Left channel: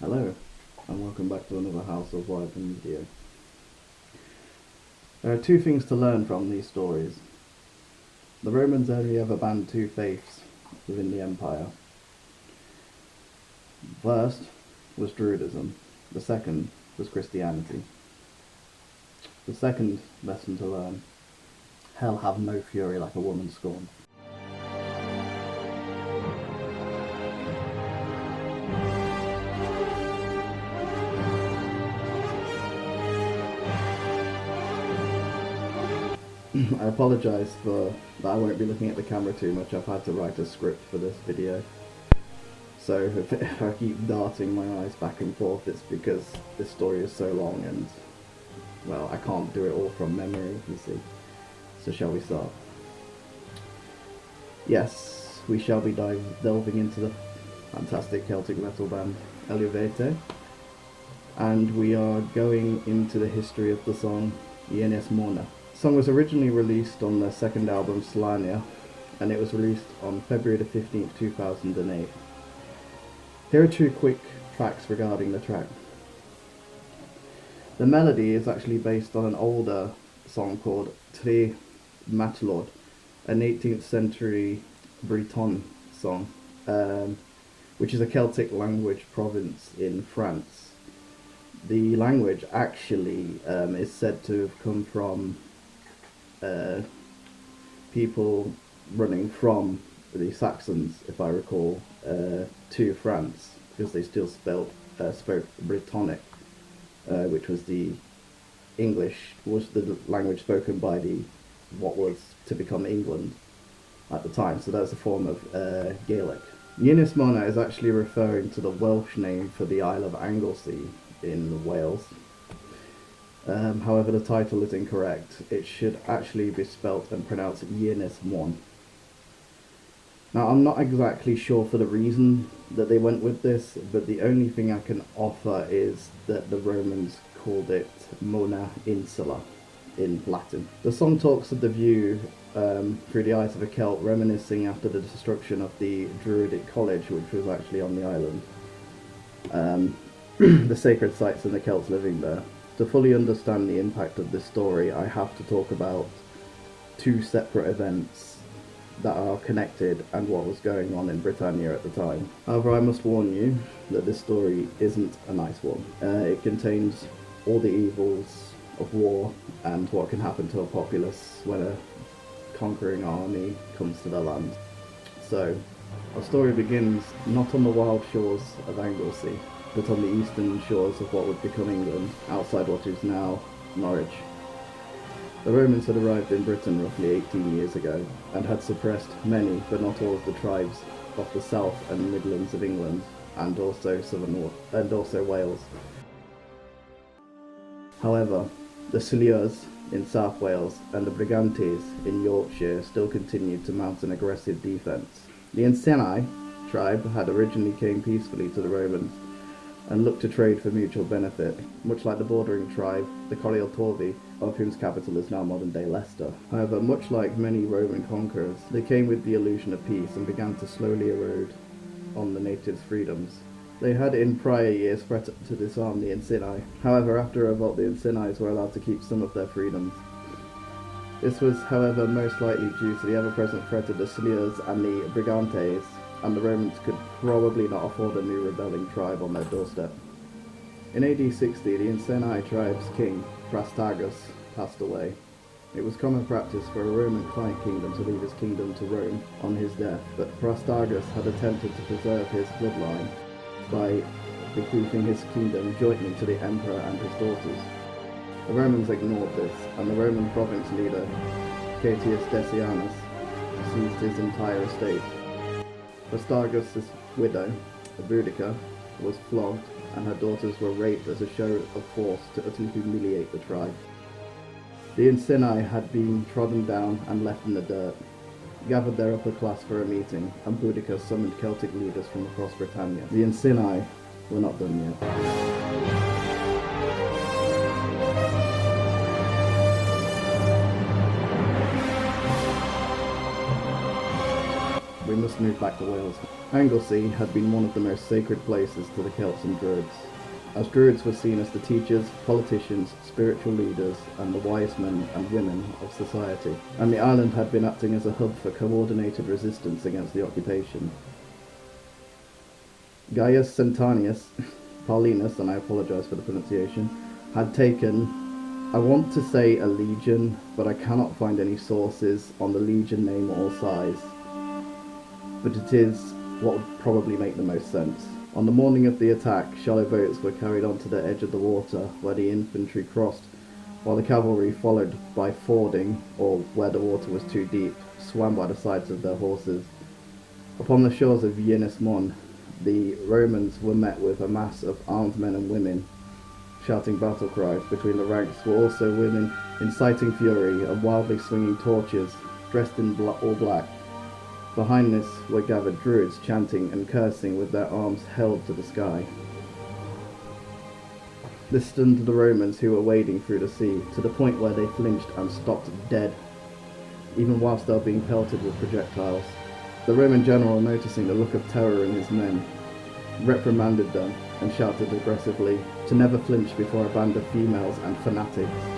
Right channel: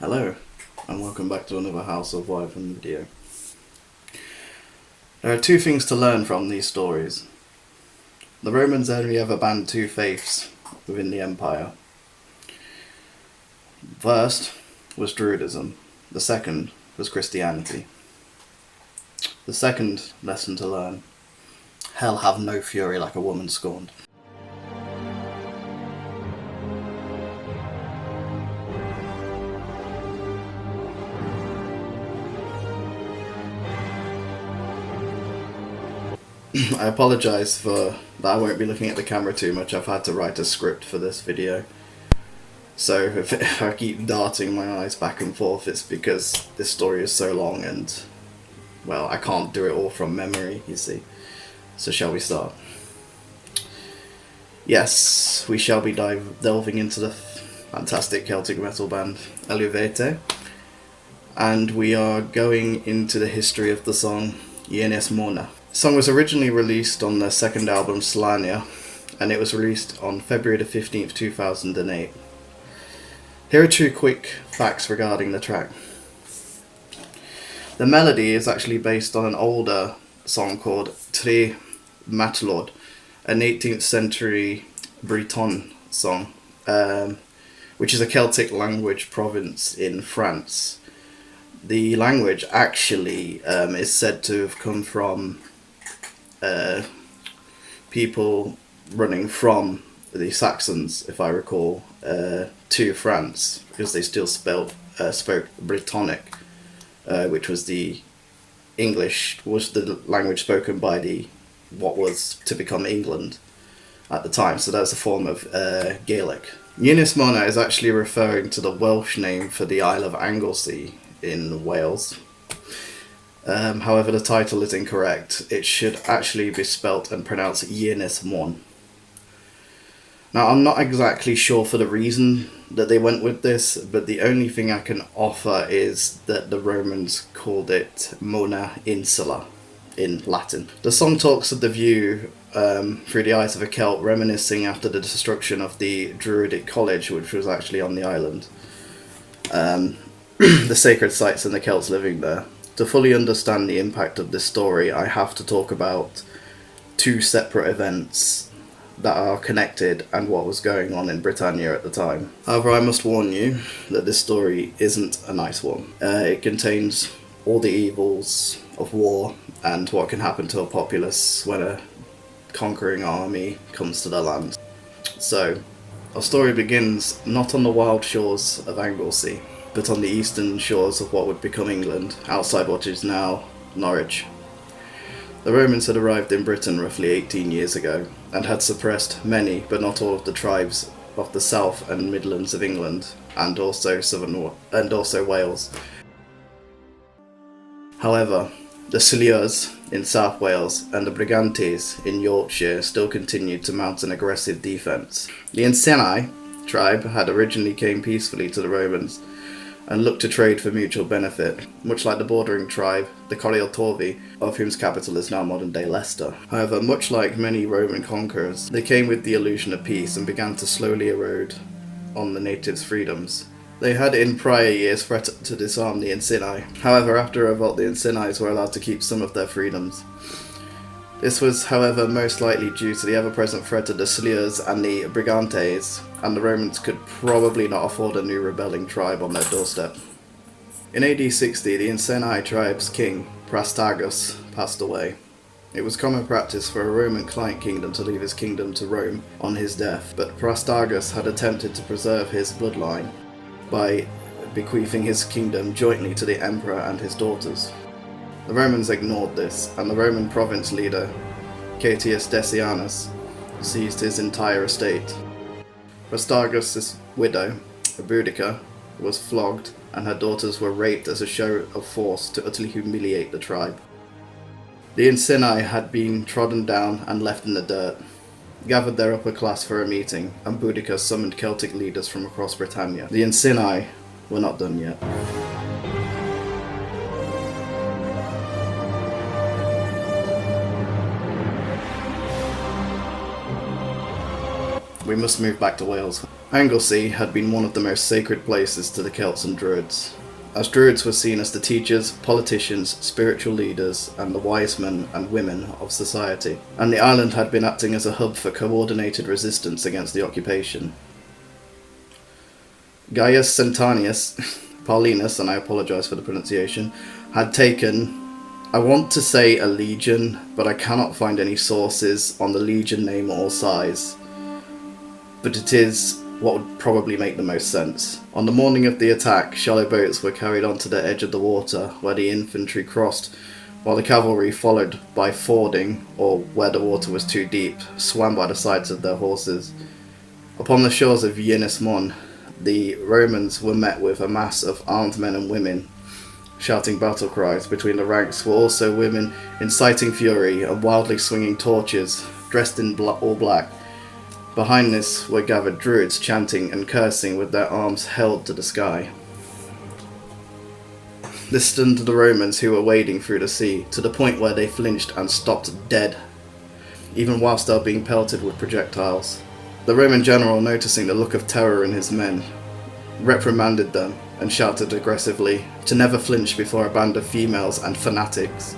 Hello, and welcome back to another House of Wisemen video. There are two things to learn from these stories. The Romans only ever banned two faiths within the empire. First was Druidism, the second was Christianity. The second lesson to learn: hell have no fury like a woman scorned. I apologise for that. I won't be looking at the camera too much. I've had to write a script for this video. So if I keep darting my eyes back and forth, it's because this story is so long and, well, I can't do it all from memory, you see. So shall we start? Yes, we shall be delving into the fantastic Celtic metal band Eluveitie. And we are going into the history of the song Ienes Mona. The song was originally released on their second album Slania, and it was released on February the 15th, 2008. Here are two quick facts regarding the track. The melody is actually based on an older song called Terriotory, an 18th century Breton song, which is a Celtic language province in France. The language actually is said to have come from people running from the Saxons, if I recall, to France, because they still spoke Brittonic, which was the language spoken by what was to become England at the time. So that's a form of Gaelic. Ienes Mona is actually referring to the Welsh name for the Isle of Anglesey in Wales. However, the title is incorrect. It should actually be spelt and pronounced Ienes Mon. Now, I'm not exactly sure for the reason that they went with this, but the only thing I can offer is that the Romans called it Mona Insula in Latin. The song talks of the view through the eyes of a Celt, reminiscing after the destruction of the Druidic college, which was actually on the island. The sacred sites and the Celts living there. To fully understand the impact of this story, I have to talk about two separate events that are connected and what was going on in Britannia at the time. However, I must warn you that this story isn't a nice one. It contains all the evils of war and what can happen to a populace when a conquering army comes to their land. So, our story begins not on the wild shores of Anglesey, but on the eastern shores of what would become England, outside what is now Norwich. The Romans had arrived in Britain roughly 18 years ago, and had suppressed many, but not all of the tribes of the south and Midlands of England, and also Wales. However, the Celts in South Wales and the Brigantes in Yorkshire still continued to mount an aggressive defence. The Anglesey tribe had originally came peacefully to the Romans, and looked to trade for mutual benefit, much like the bordering tribe, the terriotory, of whose capital is now modern-day Leicester. However, much like many Roman conquerors, they came with the illusion of peace and began to slowly erode on the natives' freedoms. They had in prior years threatened to disarm the Anglesey. However, after a revolt, the Anglesey were allowed to keep some of their freedoms. This was, however, most likely due to the ever-present threat of the Celts and the Brigantes, and the Romans could probably not afford a new rebelling tribe on their doorstep. In AD 60, the Anglesey tribe's king, Argos, passed away. It was common practice for a Roman client kingdom to leave his kingdom to Rome on his death, but Argos had attempted to preserve his bloodline by bequeathing his kingdom jointly to the emperor and his daughters. The Romans ignored this, and the Roman province leader, Catius Decianus, seized his entire estate. Argos' widow, Boudica, was flogged, and her daughters were raped as a show of force to utterly humiliate the tribe. The Anglesey had been trodden down and left in the dirt, gathered their upper class for a meeting, and Boudica summoned Celtic leaders from across Britannia. The Anglesey were not done yet. We must move back to Wales. Anglesey had been one of the most sacred places to the Celts and druids, as druids were seen as the teachers, politicians, spiritual leaders, and the wisemen and women of society, and the island had been acting as a hub for coordinated resistance against the occupation. Gaius Sentanius, Paulinus, and I apologise for the pronunciation, had taken, I want to say a legion, but I cannot find any sources on the legion name or size, but it is what would probably make the most sense. On the morning of the attack, shallow boats were carried onto the edge of the water, where the infantry crossed, while the cavalry followed by fording, or where the water was too deep, swam by the sides of their horses. Upon the shores of Ynys Mon, the Romans were met with a mass of armed men and women, shouting battle cries. Between the ranks were also women inciting fury and wildly swinging torches, dressed in all black. Behind this were gathered druids chanting and cursing with their arms held to the sky. This stunned the Romans who were wading through the sea, to the point where they flinched and stopped dead, even whilst they were being pelted with projectiles. The Roman general, noticing the look of terror in his men, reprimanded them and shouted aggressively to never flinch before a band of females and fanatics.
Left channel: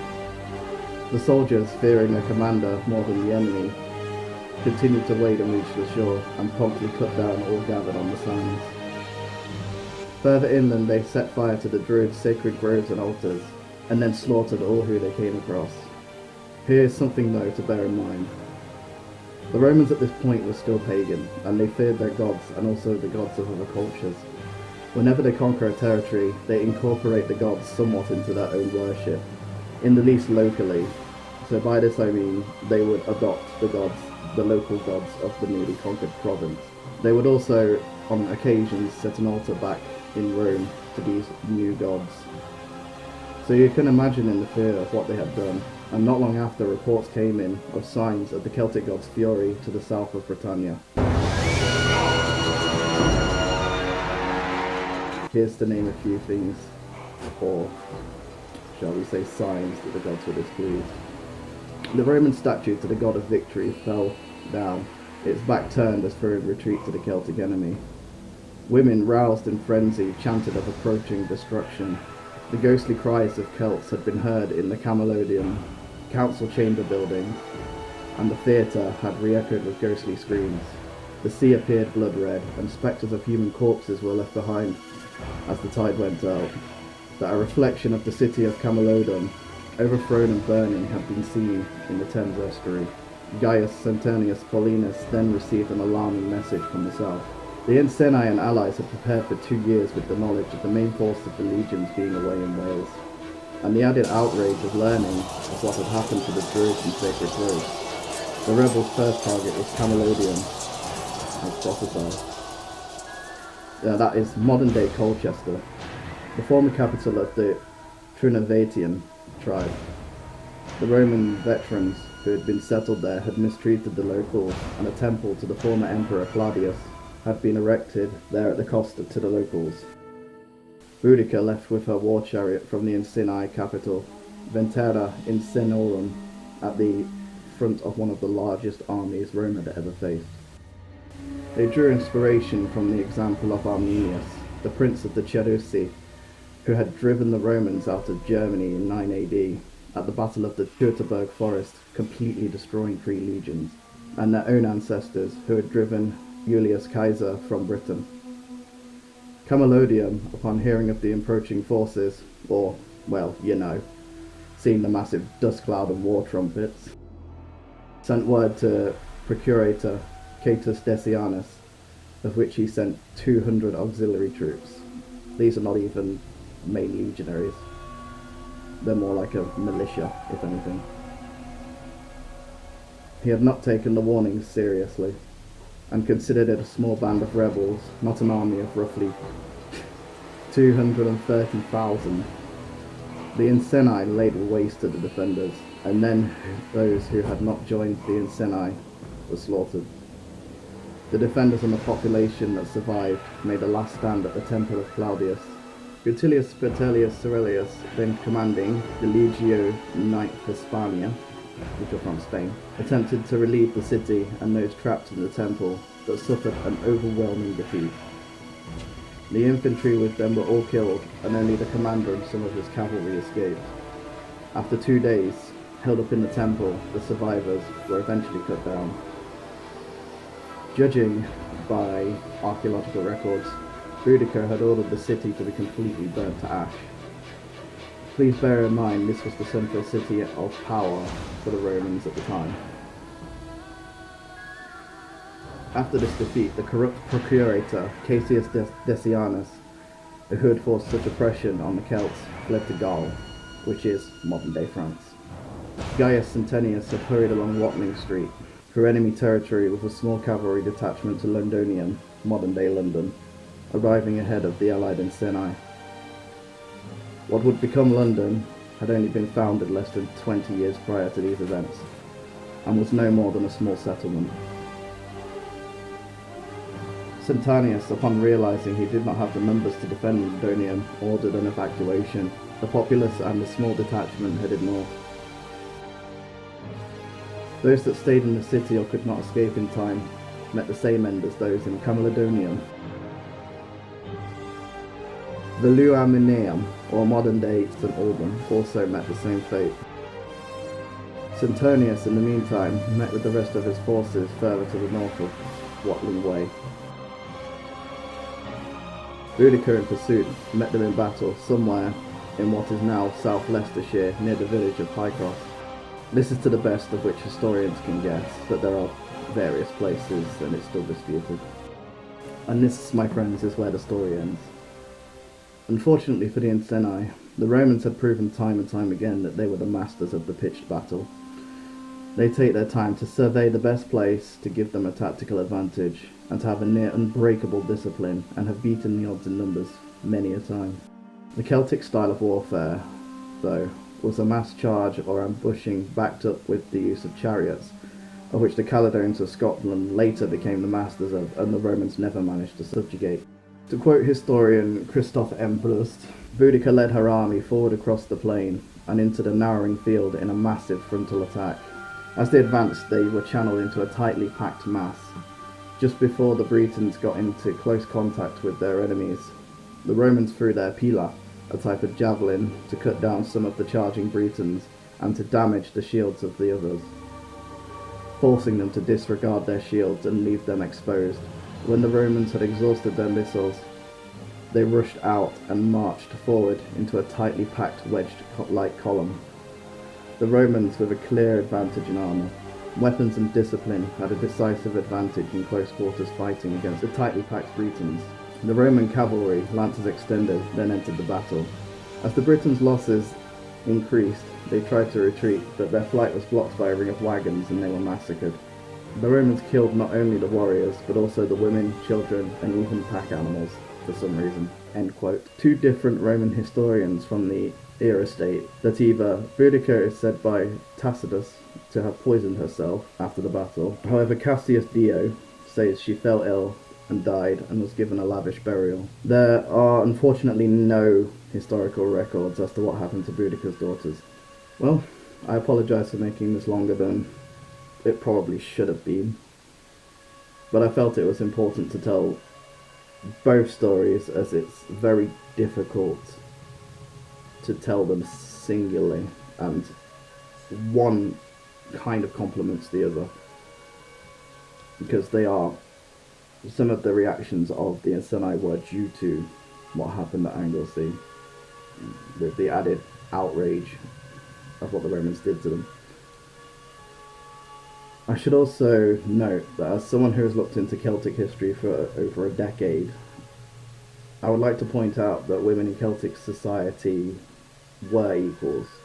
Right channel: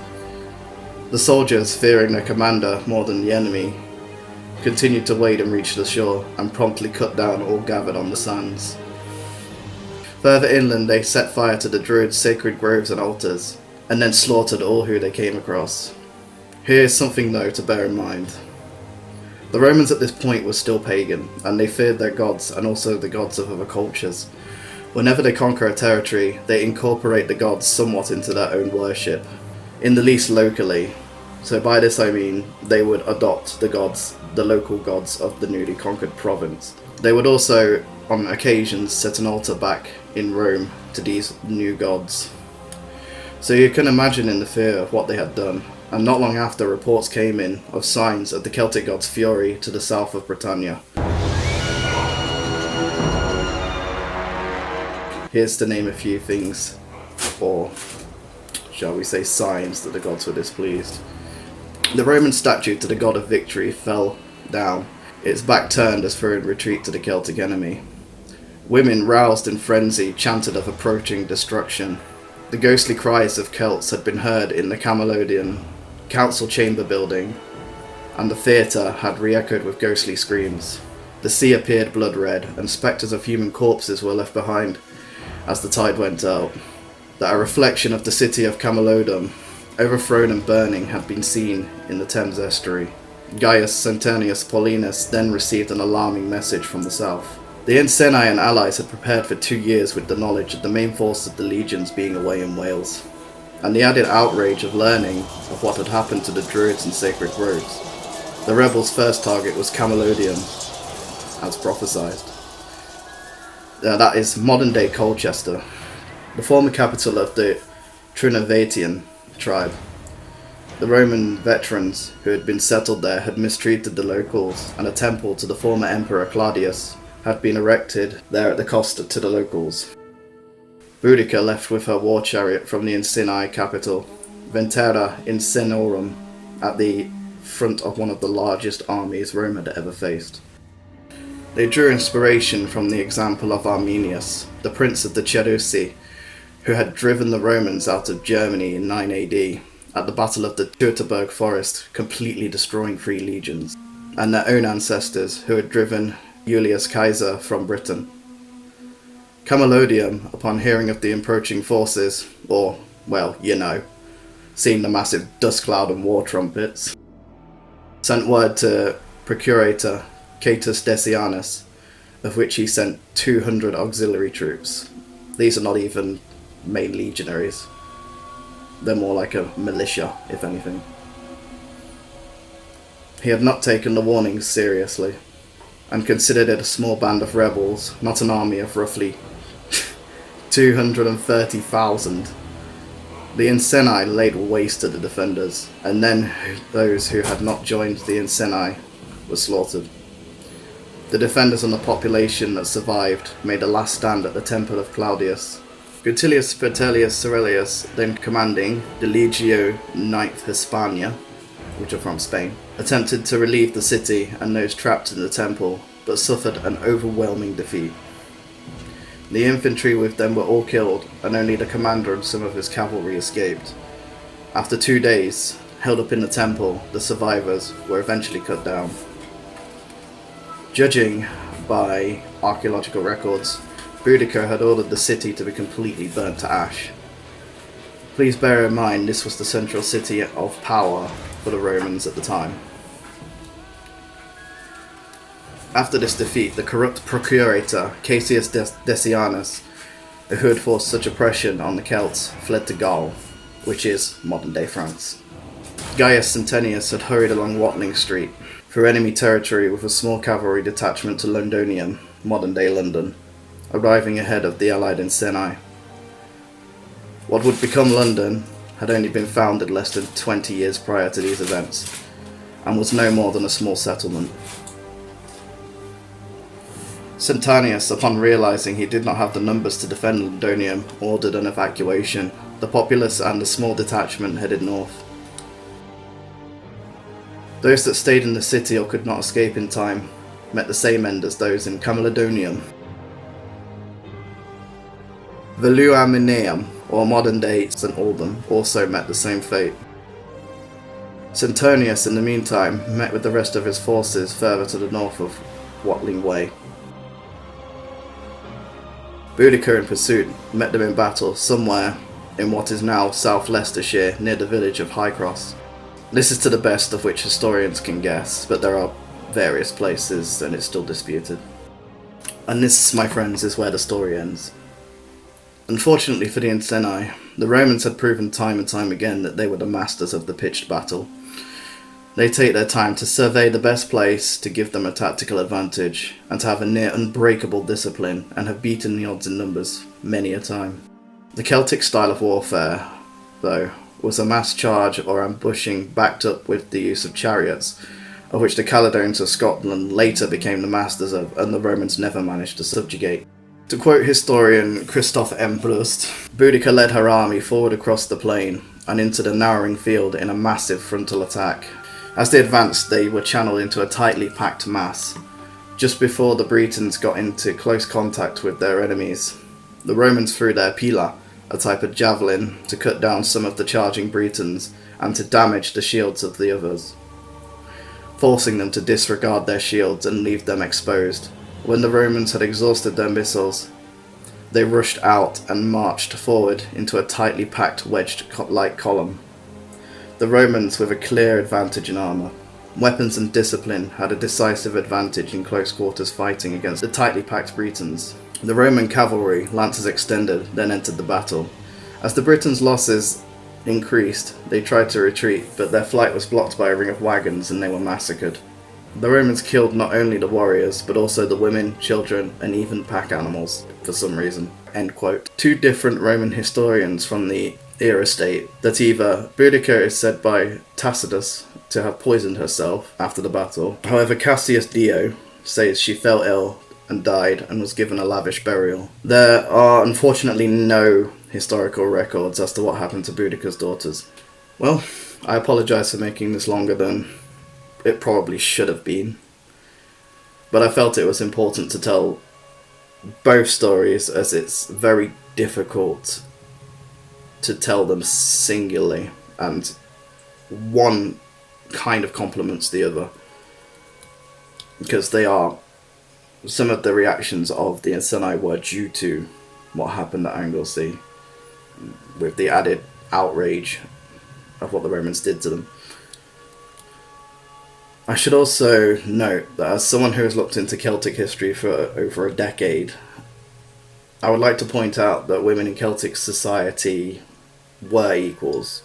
The soldiers, fearing their commander more than the enemy, continued to wade and reach the shore, and promptly cut down all gathered on the sands. Further inland, they set fire to the druids' sacred groves and altars, and then slaughtered all who they came across. Here is something though to bear in mind. The Romans at this point were still pagan, and they feared their gods and also the gods of other cultures. Whenever they conquer a territory, they incorporate the gods somewhat into their own worship, in the least locally. So by this I mean they would adopt the local gods of the newly conquered province. They would also, on occasions, set an altar back in Rome to these new gods. So you can imagine in the fear of what they had done, and not long after reports came in of signs of the Celtic god's fury to the south of Britannia. Here's to name a few things, or shall we say signs that the gods were displeased. The Roman statue to the god of victory fell down, its back turned as for a retreat to the Celtic enemy. Women, roused in frenzy, chanted of approaching destruction. The ghostly cries of Celts had been heard in the Camalodian council chamber building, and the theatre had re-echoed with ghostly screams. The sea appeared blood red, and spectres of human corpses were left behind as the tide went out. That a reflection of the city of Camalodunum, overthrown and burning, had been seen in the Thames estuary. Gaius Sentanius Paulinus then received an alarming message from the south. The Iceni and allies had prepared for 2 years with the knowledge of the main force of the legions being away in Wales, and the added outrage of learning of what had happened to the druids and sacred groves. The rebels' first target was Camalodunum, as prophesied. That is modern-day Colchester, the former capital of the Trinovaetian tribe. The Roman veterans who had been settled there had mistreated the locals, and a temple to the former emperor Claudius had been erected there at the cost to the locals. Boudica left with her war chariot from the Iceni capital, Ventera Icenorum, at the front of one of the largest armies Rome had ever faced. They drew inspiration from the example of Arminius, the prince of the Cherusci, who had driven the Romans out of Germany in 9 AD at the Battle of the Teutoburg Forest, completely destroying 3 legions, and their own ancestors who had driven Julius Caesar from Britain. Camalodunum, upon hearing of the approaching forces, or, well, seeing the massive dust cloud and war trumpets, sent word to Procurator Catus Decianus, of which he sent 200 auxiliary troops. These are not even main legionaries. They're more like a militia, if anything. He had not taken the warnings seriously, and considered it a small band of rebels, not an army of roughly 230,000. The Iceni laid waste to the defenders, and then those who had not joined the Iceni were slaughtered. The defenders and the population that survived made a last stand at the temple of Claudius. Rutilius Bertellius Cerullius, then commanding the Legio IXth Hispania, which are from Spain, attempted to relieve the city and those trapped in the temple, but suffered an overwhelming defeat. The infantry with them were all killed, and only the commander and some of his cavalry escaped. After 2 days, held up in the temple, the survivors were eventually cut down. Judging by archaeological records, Boudicca had ordered the city to be completely burnt to ash. Please bear in mind this was the central city of power for the Romans at the time. After this defeat, the corrupt procurator Cassius Decianus, who had forced such oppression on the Celts, fled to Gaul, which is modern-day France. Gaius Centenius had hurried along Watling Street through enemy territory with a small cavalry detachment to Londonium, modern-day London, arriving ahead of the allied Iceni. What would become London had only been founded less than 20 years prior to these events, and was no more than a small settlement. Centenius, upon realizing he did not have the numbers to defend Londonium, ordered an evacuation. The populace and the small detachment headed north. Those that stayed in the city or could not escape in time met the same end as those in Camalodonium. Veluamineum, or modern-day St. Alban, also met the same fate. Centenius, in the meantime, met with the rest of his forces further to the north of Watling Way. Boudicca, in pursuit, met them in battle somewhere in what is now South Leicestershire, near the village of Highcross. This is to the best of which historians can guess, but there are various places and it's still disputed. And this, my friends, is where the story ends. Unfortunately for the Iceni, the Romans had proven time and time again that they were the masters of the pitched battle. They take their time to survey the best place to give them a tactical advantage, and to have a near unbreakable discipline, and have beaten the odds in numbers many a time. The Celtic style of warfare, though, was a mass charge or ambushing backed up with the use of chariots, of which the Caledonians of Scotland later became the masters of, and the Romans never managed to subjugate. To quote historian Christoph M. Brust, Boudicca led her army forward across the plain and into the narrowing field in a massive frontal attack. As they advanced, they were channeled into a tightly packed mass. Just before the Bretons got into close contact with their enemies, the Romans threw their pila, a type of javelin, to cut down some of the charging Bretons and to damage the shields of the others, forcing them to disregard their shields and leave them exposed. When the Romans had exhausted their missiles, they rushed out and marched forward into a tightly packed wedged-like column. The Romans with a clear advantage in armour. Weapons and discipline had a decisive advantage in close quarters fighting against the tightly packed Bretons. The Roman cavalry, lances extended, then entered the battle. As the Britons' losses increased, they tried to retreat, but their flight was blocked by a ring of wagons and they were massacred. The Romans killed not only the warriors, but also the women, children, and even pack animals, for some reason. End quote. Two different Roman historians from the era state that either Boudicca is said by Tacitus to have poisoned herself after the battle. However, Cassius Dio says she fell ill and died and was given a lavish burial. There are unfortunately no historical records as to what happened to Boudicca's daughters. Well, I apologise for making this longer than it probably should have been, but I felt it was important to tell both stories as it's very difficult to tell them singularly, and one kind of complements the other, because they are, some of the reactions of the Iceni were due to what happened at Anglesey, with the added outrage of what the Romans did to them. I should also note that as someone who has looked into Celtic history for over a decade, I would like to point out that women in Celtic society were equals.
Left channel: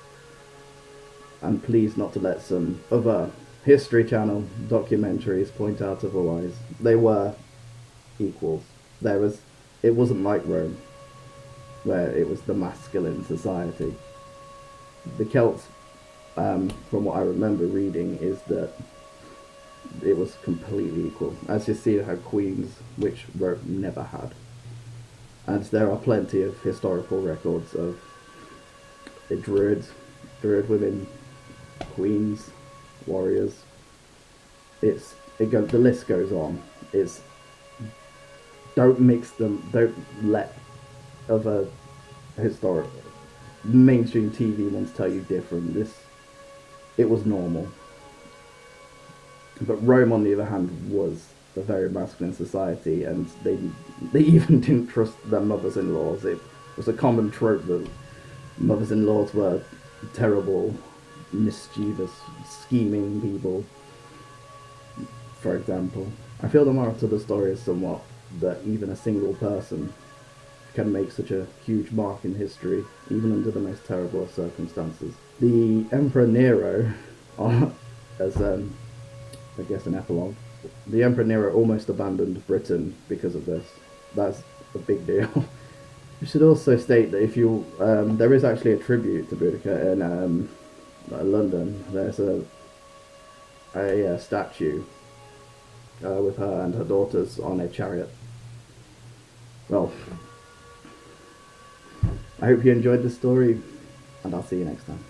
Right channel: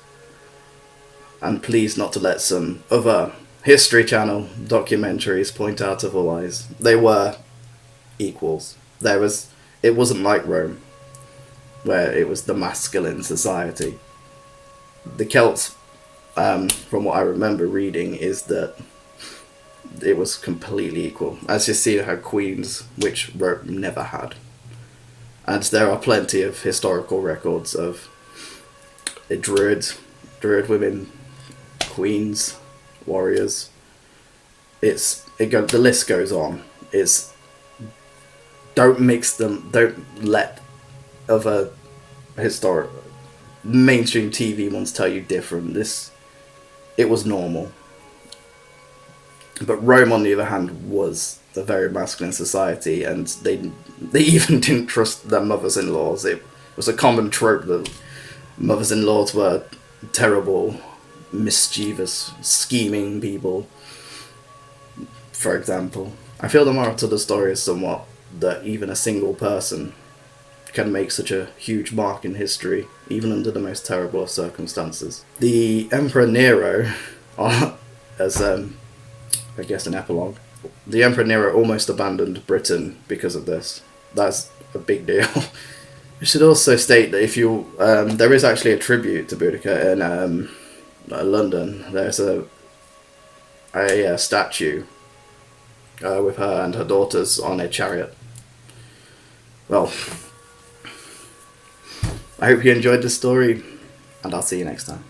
And please not to let some other History Channel documentaries point out otherwise. They were equals. It wasn't like Rome, where it was the masculine society. The Celts, from what I remember reading, is that it was completely equal. As you see, how queens, which Rome never had. And there are plenty of historical records of druid women, queens, warriors. The list goes on. Don't mix them. Don't let other historic mainstream TV ones tell you different. It was normal. But Rome, on the other hand, was a very masculine society, and they even didn't trust their mothers-in-laws. It was a common trope that mothers-in-laws were terrible, mischievous, scheming people. For example, I feel the moral to the story is somewhat that even a single person can make such a huge mark in history, even under the most terrible of circumstances. The Emperor Nero, as I guess an epilogue, the Emperor Nero almost abandoned Britain because of this. That's a big deal. I should also state that if you there is actually a tribute to Boudica in London. There's a statue with her and her daughters on a chariot. Well, I hope you enjoyed this story, and I'll see you next time.